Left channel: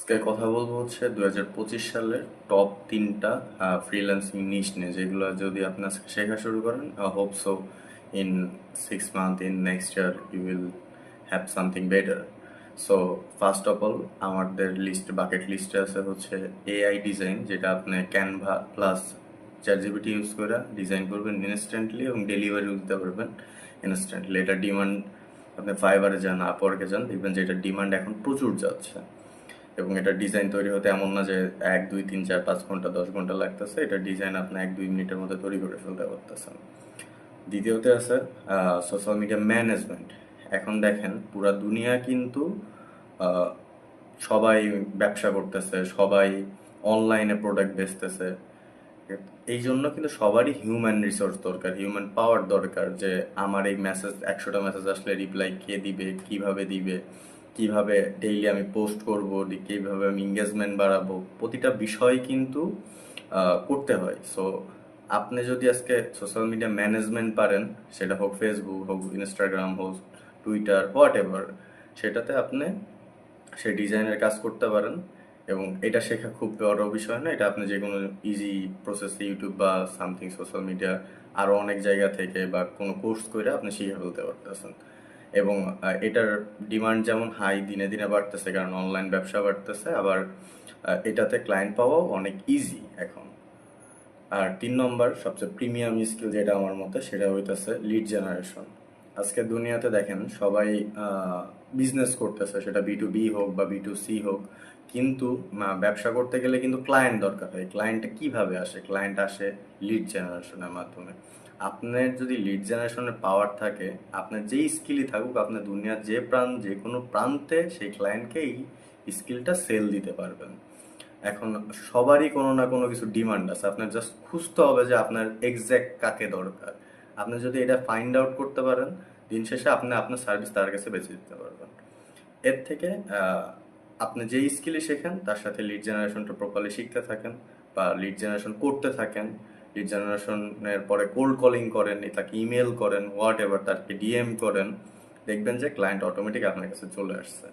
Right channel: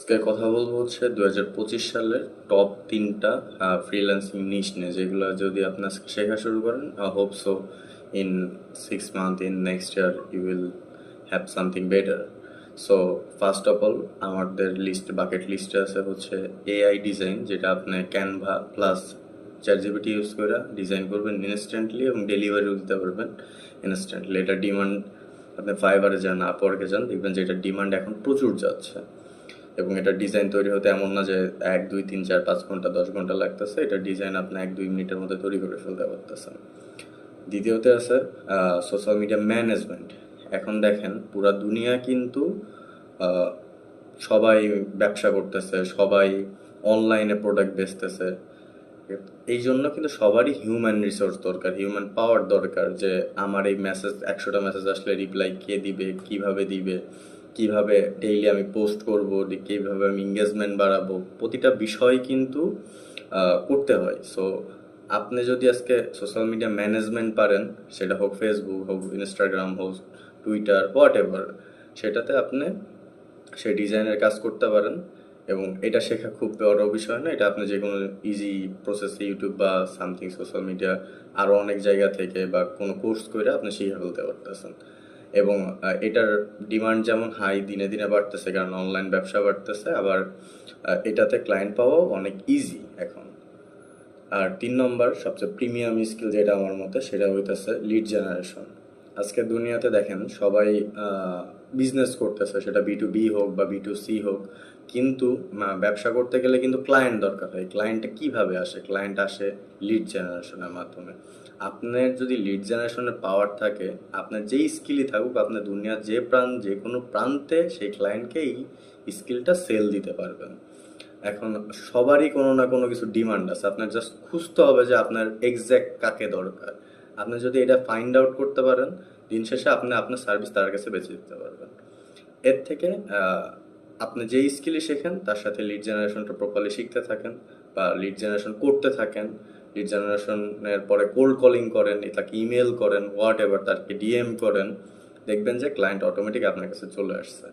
আজকে কথা বলবো হচ্ছে 2025 সালের টপ 3টা ফ্রিল্যান্সিং নিশ নিয়ে, যেগুলো যদি আপনি আজকে শেখা শুরু করেন, hope so in 6 month in next year you will have something better. So first of all আমাদের বাকেট লিস্টে আছে হচ্ছে এআই ডিজাইন, যেটা আপনি ক্যানভা প্লাস চ্যাটজিপিটি ইউজ করে ডিজাইন করবেন ইনস্ট্যান্টলি এবং ডেলিভারিও দিতে পারবেন ইনস্ট্যান্টলি। এটা ডিমান্ড, আপনি ফাইবারে যান, আপওয়ার্কে যান, দেখবেন যে এটা ডিমান্ড এখন প্রচুর যাচ্ছে। এবং এটা ডিজাইন তৈরি হতে এমন না যে 1 2 3 4 5 ঘন্টা 10 ঘন্টা লাগতেছে, এটা ডিজাইন আপনি 1 2 মিনিটের মধ্যে তৈরি করে ফেলতে পারতেছেন। দ্বিতীয়তে আছে সোশ্যাল মিডিয়া ম্যানেজমেন্ট। এখন দেখেন পুরা দুনিয়া কিন্তু আহ, সবাই ব্যবসা করতেছে, সবাই অনলাইনে প্রোডাক্ট বেচতেছে। এই জন্য কিন্তু সবারই হিউম্যান রিসোর্স দরকার, হিউম্যান পাওয়ার দরকার, যে আমার এই মেসেজ 100টা মেসেজ আসলে রিপ্লাই কে দিবে, কিভাবে দিবে, কিভাবে ডেইলি আমি পোস্ট করব, কিভাবে আমি এঙ্গেজমেন্ট বাড়াবো, প্রতিটা বিষয় কিন্তু করতে হয়। সো আপনি যদি আজকে সোশ্যাল মিডিয়া ম্যানেজমেন্ট পারেন, সেটা হোক ফেসবুক, হোক ইনস্টাগ্রাম, হোক টুইটার, হোয়াট এভার, সেটাতে আপনি সেই ডিজাইনের কাজ করতে পারেন। এবং এটা শেখা খুব বড় বিষয় না, এটা আপনি যে কোনো ইজি প্রসেসে ইউটিউব বা সামথিং সোশ্যাল মিডিয়া আরও অনেক জায়গা থেকে বা কোনো কোর্স করে আপনি শিখে ফেলতে পারতেছেন। এবং এটার ডিমান্ড যেমন হাই, দিনে দিনে বাড়তেছে, কারণ অনলাইন ব্যবসা বাড়তেছে, আবার এটাতে ক্লায়েন্ট পাওয়াও অনেক ইজি এখন। আর 3 নম্বর সবচেয়ে প্রিমিয়াম স্কিল যেটা আমার মতে, সেটা হইতেছে লিড জেনারেশন। আজকের দুনিয়াতে দেখেন সবাই বিজনেস করতেছে, সেটা B2B হোক বা B2C হোক, কিন্তু ব্যবসা করতে গেলে কিন্তু ক্লায়েন্ট দরকার হয়। ক্লায়েন্টটা কিভাবে আসে? ক্লায়েন্ট আসে লিড জেনারেশনের মাধ্যমে। আপনার যদি লিড জেনারেশনের পাওয়ার থাকে, আপনার যেই স্কিলই থাকুক, আপনার দুনিয়ার যে কোনো প্রান্তে সেই ক্লায়েন্টকে এই স্কিলটা সেল দিতে পারবেন। এখন সবারই কোনো না কোনো কিছু ডিমান্ড আছে, আপনার জাস্ট খুঁজতে হবে যে আপনার এক্স্যাক্ট কাকে দরকার। আপনি যদি এটা ফাইন্ড আউট করতে পারেন, দিন শেষে আপনি আপনার সার্ভিস তার কাছে বেচে দিতে পারবেন। এর থেকে আপনি যেই স্কিলই শেখেন, তার সাথে লিড জেনারেশনটা প্রপারলি শিখতে থাকেন বা লিড জেনারেশন করতে থাকেন। লিড জেনারেশনের পরে কোল্ড কলিং করেন, তাকে ইমেল করেন, হোয়াট এভার, তাকে ডিএম করেন, দেখবেন যে ক্লায়েন্ট অটোমেটিক আপনার কাছে চলে আসছে।